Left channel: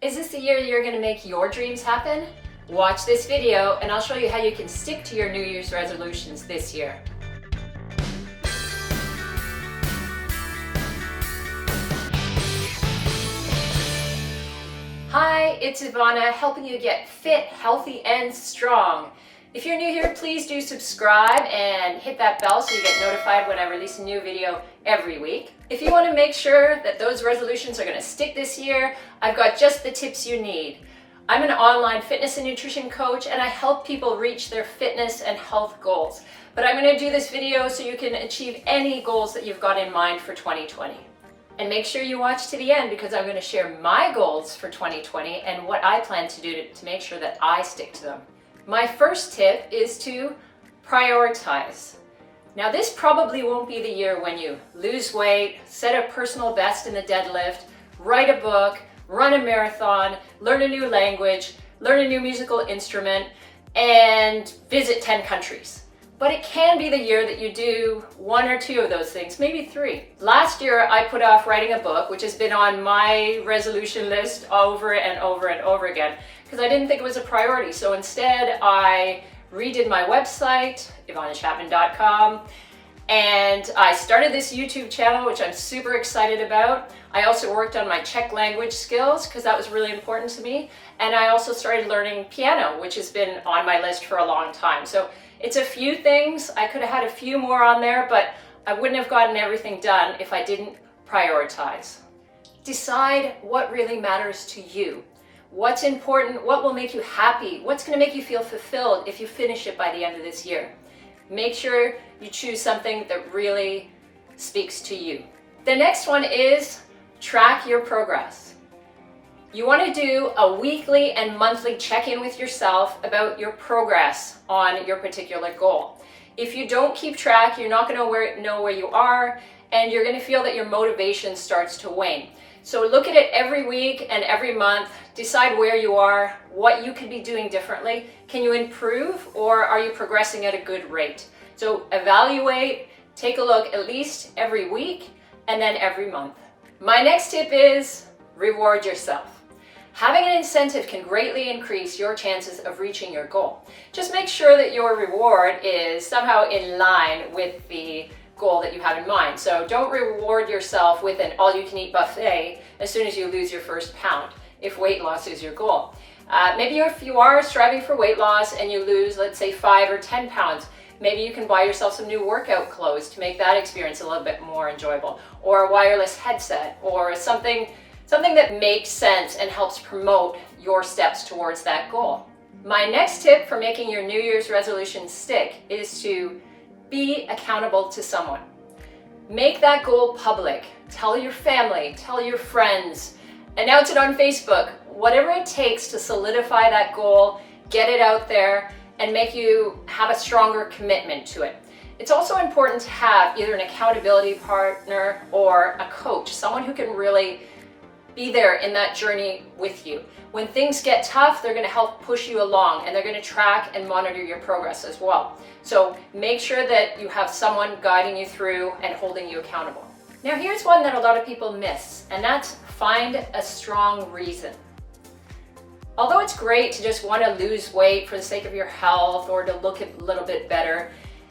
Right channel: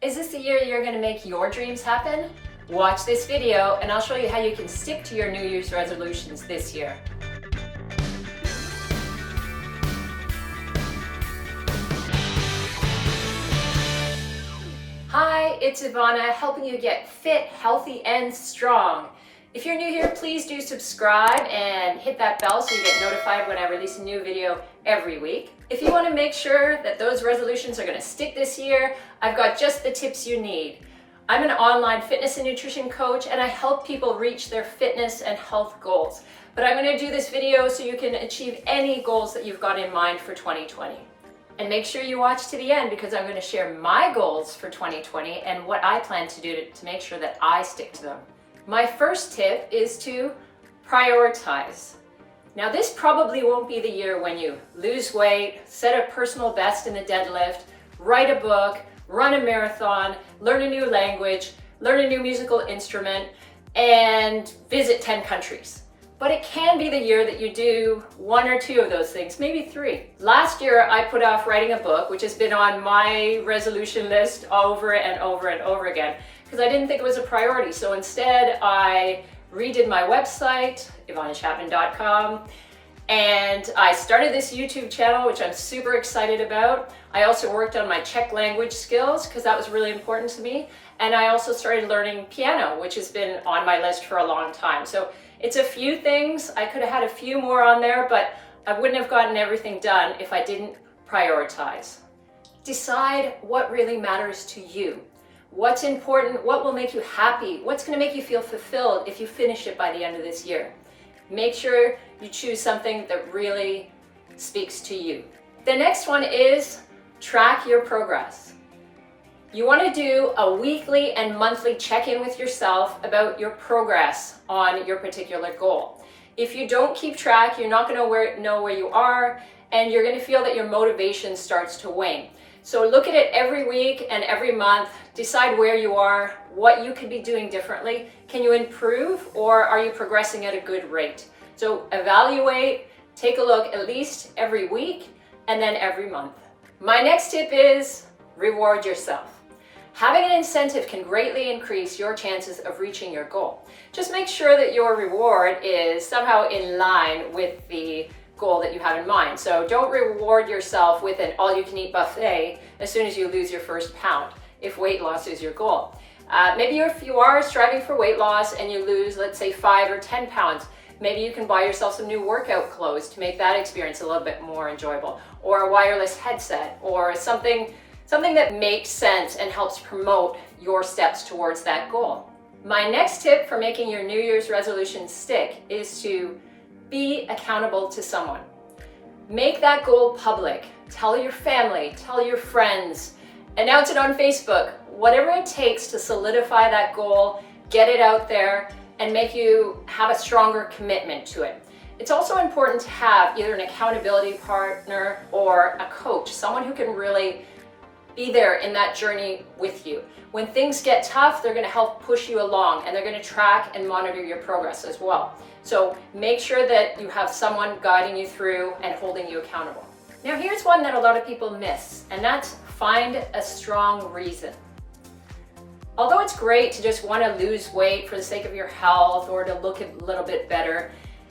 Is this the year you're going to make your dreams happen? Watch this video and I'll show you how you can stick to your New Year's resolutions this year. Hi, it's Ivana, helping you get fit, healthy, and strong. If you're new here, please do subscribe and hit that bell so you get notified when I release a new video every week. If you want to make sure that those resolutions are going to stick this year, I've got just the tips you need. I'm an online fitness and nutrition coach and I help people reach their fitness and health goals. But I'm going to do this video so you can achieve any goals that you've got in mind for 2020. And make sure you watch to the end because I'm going to share my goals for 2020 and what I plan to do to make sure that I stick to them. My first tip is to prioritize. Now this probably won't be the year when you lose weight, set a personal best in the deadlift, write a book, run a marathon, learn a new language, learn a new musical instrument, and visit 10 countries. But it can be the year that you do one or two of those things, maybe three. Last year, I put off writing a book, which has been on my resolution list over and over and over again, because I didn't think it was a priority. So instead, I redid my website, ivanachapman.com, and I started this YouTube channel, which I'm super excited about. I also worked on my Czech language skills, because that was really important to me. And I also started learning piano, which has been on my list for a long time. So it's a few things. I could have had a few more on there, but I wouldn't have gotten everything done if I didn't prioritize. Decide what really matters to you. What's important, what will make you happy, what's going to make you feel fulfilled if you finish it by the end of this year. Make sure you choose something that really speaks to you. The next one is track your progress. You want to do a weekly and monthly check-in with yourself about your progress on your particular goal. If you don't keep track, you're not going to know where you are, and you're going to feel that your motivation starts to wane. So look at it every week and every month, decide where you are, what you could be doing differently. Can you improve, or are you progressing at a good rate? So evaluate, take a look at least every week and then every month. My next tip is reward yourself. Having an incentive can greatly increase your chances of reaching your goal. Just make sure that your reward is somehow in line with the goal that you have in mind. So don't reward yourself with an all-you-can-eat buffet as soon as you lose your first pound, if weight loss is your goal. Maybe if you are striving for weight loss and you lose, let's say, 5 or 10 pounds, maybe you can buy yourself some new workout clothes to make that experience a little bit more enjoyable, or a wireless headset, or something that makes sense and helps promote your steps towards that goal. My next tip for making your New Year's resolution stick is to be accountable to someone. Make that goal public. Tell your family, tell your friends, announce it on Facebook, whatever it takes to solidify that goal, get it out there, and make you have a stronger commitment to it. It's also important to have either an accountability partner or a coach, someone who can really be there in that journey with you. When things get tough, they're going to help push you along, and they're going to track and monitor your progress as well. So make sure that you have someone guiding you through and holding you accountable. Now here's one that a lot of people miss, and that's find a strong reason. Although it's great to just want to lose weight for the sake of your health or to look a little bit better,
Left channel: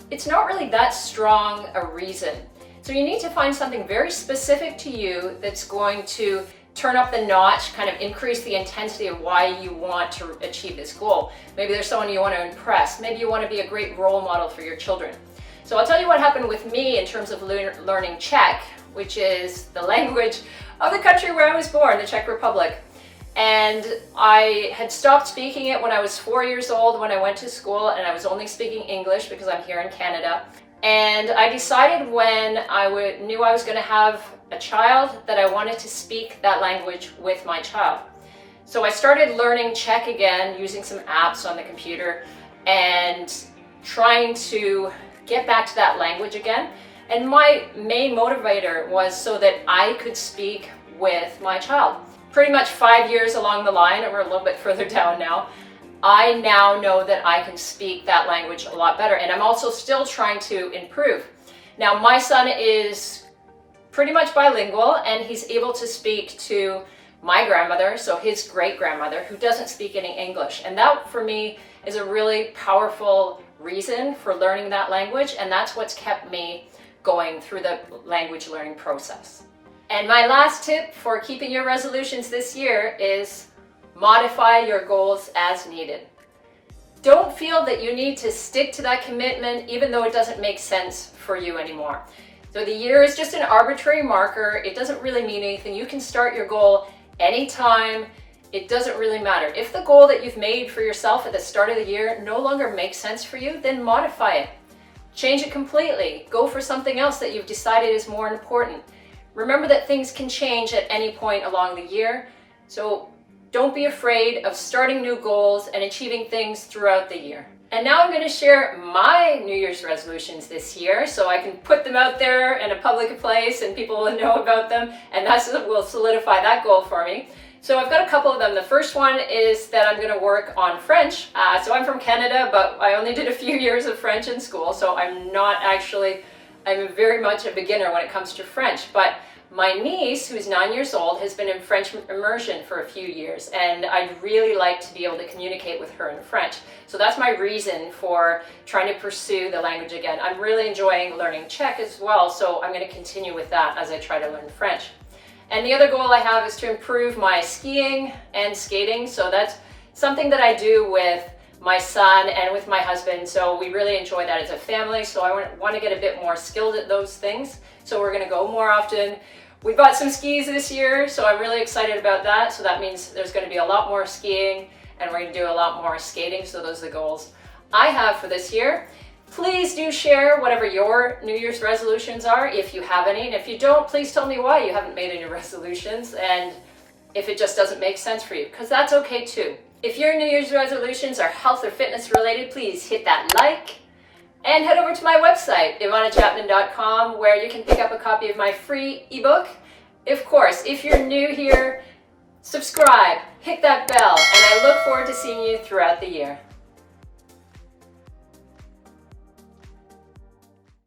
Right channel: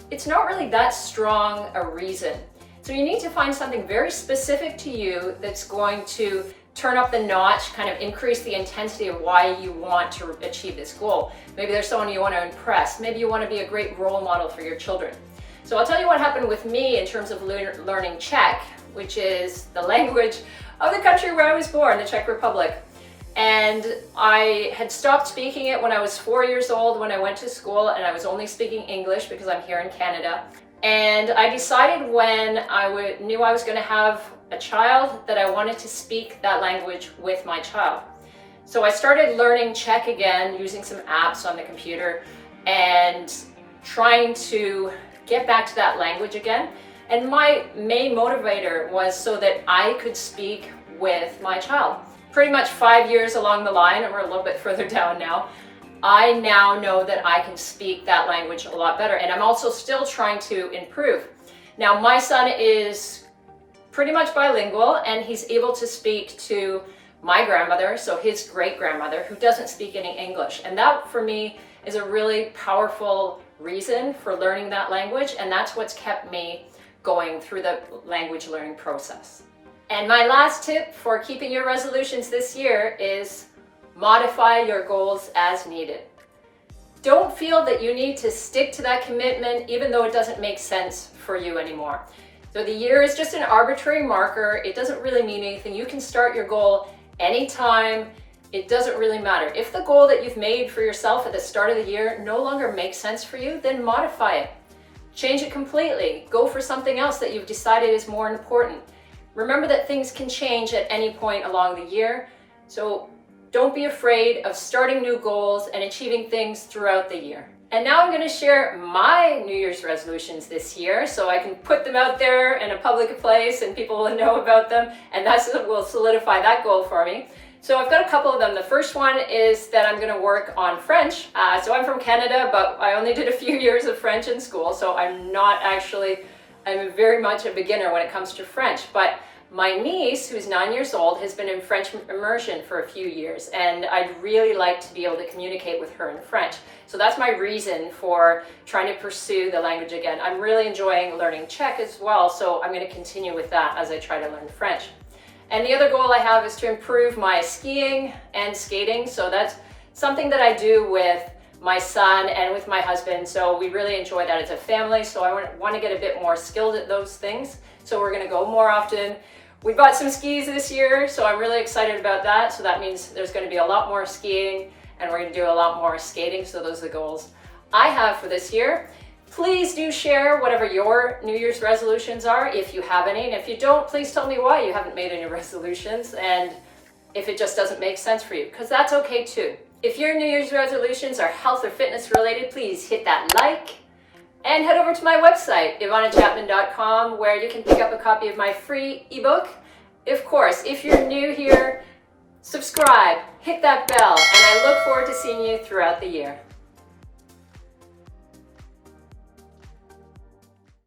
it's not really that strong a reason. So you need to find something very specific to you that's going to turn up the notch, kind of increase the intensity of why you want to achieve this goal. Maybe there's someone you want to impress. Maybe you want to be a great role model for your children. So I'll tell you what happened with me in terms of learning Czech, which is the language of the country where I was born, the Czech Republic. And I had stopped speaking it when I was 4 years old when I went to school, and I was only speaking English because I'm here in Canada. And I decided when I knew I was going to have a child that I wanted to speak that language with my child. So I started learning Czech again using some apps on the computer and trying to get back to that language again. And my main motivator was so that I could speak with my child. Pretty much 5 years along the line, and we're a little bit further down now, I now know that I can speak that language a lot better, and I'm also still trying to improve. Now, my son is pretty much bilingual, and he's able to speak to my grandmother, so his great-grandmother, who doesn't speak any English. And that, for me, is a really powerful reason for learning that language, and that's what's kept me going through the language learning process. And my last tip for keeping your resolutions this year is modify your goals as needed. Don't feel that you need to stick to that commitment even though it doesn't make sense for you anymore. So the year is just an arbitrary marker. It doesn't really mean anything. You can start your goal anytime. It doesn't really matter. If the goal that you've made for yourself at the start of the year no longer makes sense for you, then modify it. Change it completely. Go for something else that you've decided is more important. Remember that things can change at any point along the year. So don't be afraid of starting new goals and achieving things throughout the year. And now I'm going to share my New Year's resolutions this year so I can put them out there in a public place and people will know about them, and that will solidify that goal for me. So I've got a couple of them. The first one is that I'm going to work on French. So I'm from Canada, but I only did a few years of French in school, so I'm very much a beginner when it comes to French. But my niece, who's 9 years old, has been in French immersion for a few years, and I'd really like to be able to communicate with her in French. So that's my reason for trying to pursue the language again. I'm really enjoying learning Czech as well, so I'm going to continue with that as I try to learn French. And the other goal I have is to improve my skiing and skating. So that's something that I do with my son and with my husband. So we really enjoy that as a family. So I want to get a bit more skilled at those things. So we're going to go more often. We bought some skis this year, so I'm really excited about that. So that means there's going to be a lot more skiing and we're going to do a lot more skating. So those are the goals I have for this year. Please do share whatever your New Year's resolutions are, if you have any. And if you don't, please tell me why you haven't made any resolutions and if it just doesn't make sense for you, because that's okay too. If your New Year's resolutions are health or fitness related, please hit that like and head over to my website, ivanachapman.com, where you can pick up a copy of my free ebook. Of course, if you're new here, subscribe, hit that bell, and I look forward to seeing you throughout the year.